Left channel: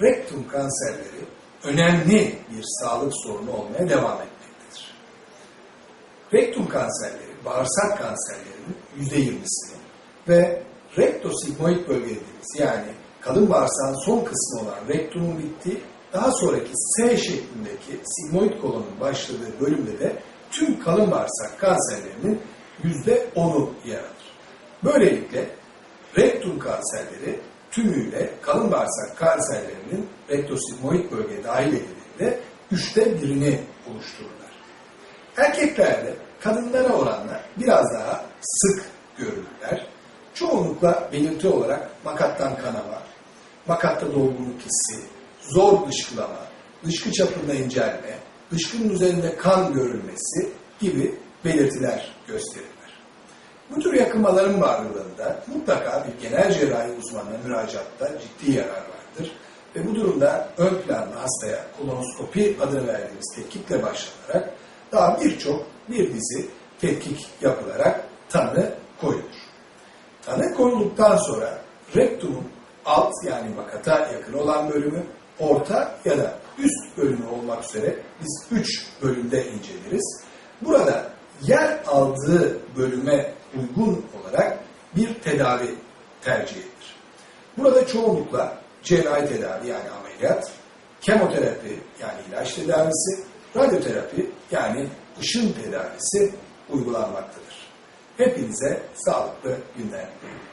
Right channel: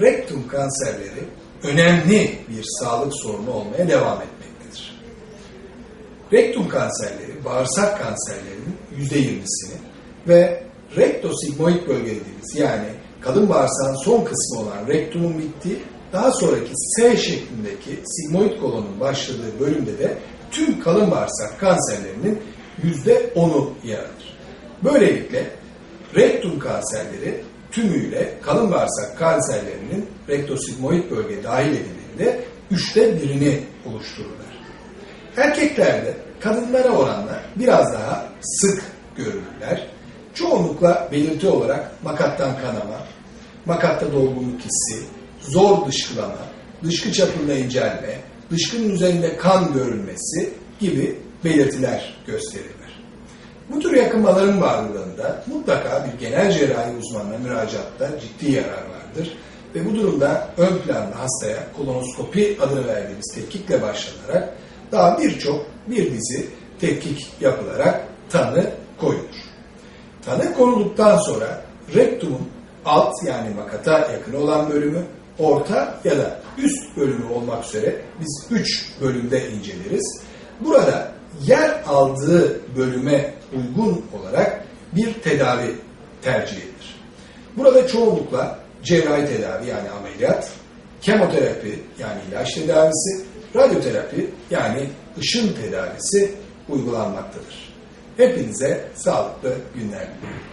rektum kanserleri önemli bir sağlık sorunu olmaya devam etmektedir. Rektum kanserleri, bağırsak kanserlerinin %20'sini ve rektosigmoid bölge dediğimiz yani kalın bağırsağın son kısmı olan rektumun bittiği daha sonraki S şeklindeki sigmoid kolonun başladığı bölümde de tüm kalın bağırsak kanserlerinin %10'u yer alır. Böylelikle rektum kanserleri tümüyle kalın bağırsak kanserlerinin rektosigmoid bölge dahil edildiğinde üçte birini oluştururlar. Erkeklerde kadınlara oranla biraz daha sık görülürler. Çoğunlukla belirti olarak makattan kanama, makatta dolgunluk hissi, zor dışkılama, dışkı çapında incelme, dışkının üzerinde kan görülmesi gibi belirtiler gösterirler. Bu tür yakınmaların varlığında mutlaka bir genel cerrahi uzmanına müracaatta ciddi yarar vardır. Ve bu durumda ön planda hastaya kolonoskopi adını verdiğimiz tetkikle başlanarak daha birçok bir dizi tetkik yapılarak tanı koyulur. Tanı konulduktan sonra rektumun alt yani makata yakın olan bölümü, orta ya da üst bölümü olmak üzere biz üç bölümde inceleriz. Burada yer aldığı bölüme uygun olarak bir tedavi tercih edilir. Burada çoğunlukla cerrahi tedavi yani ameliyat, kemoterapi yani ilaç tedavisi, radyoterapi yani ışın tedavisi uygulanmaktadır. Hepinize sağlıklı günler diliyorum.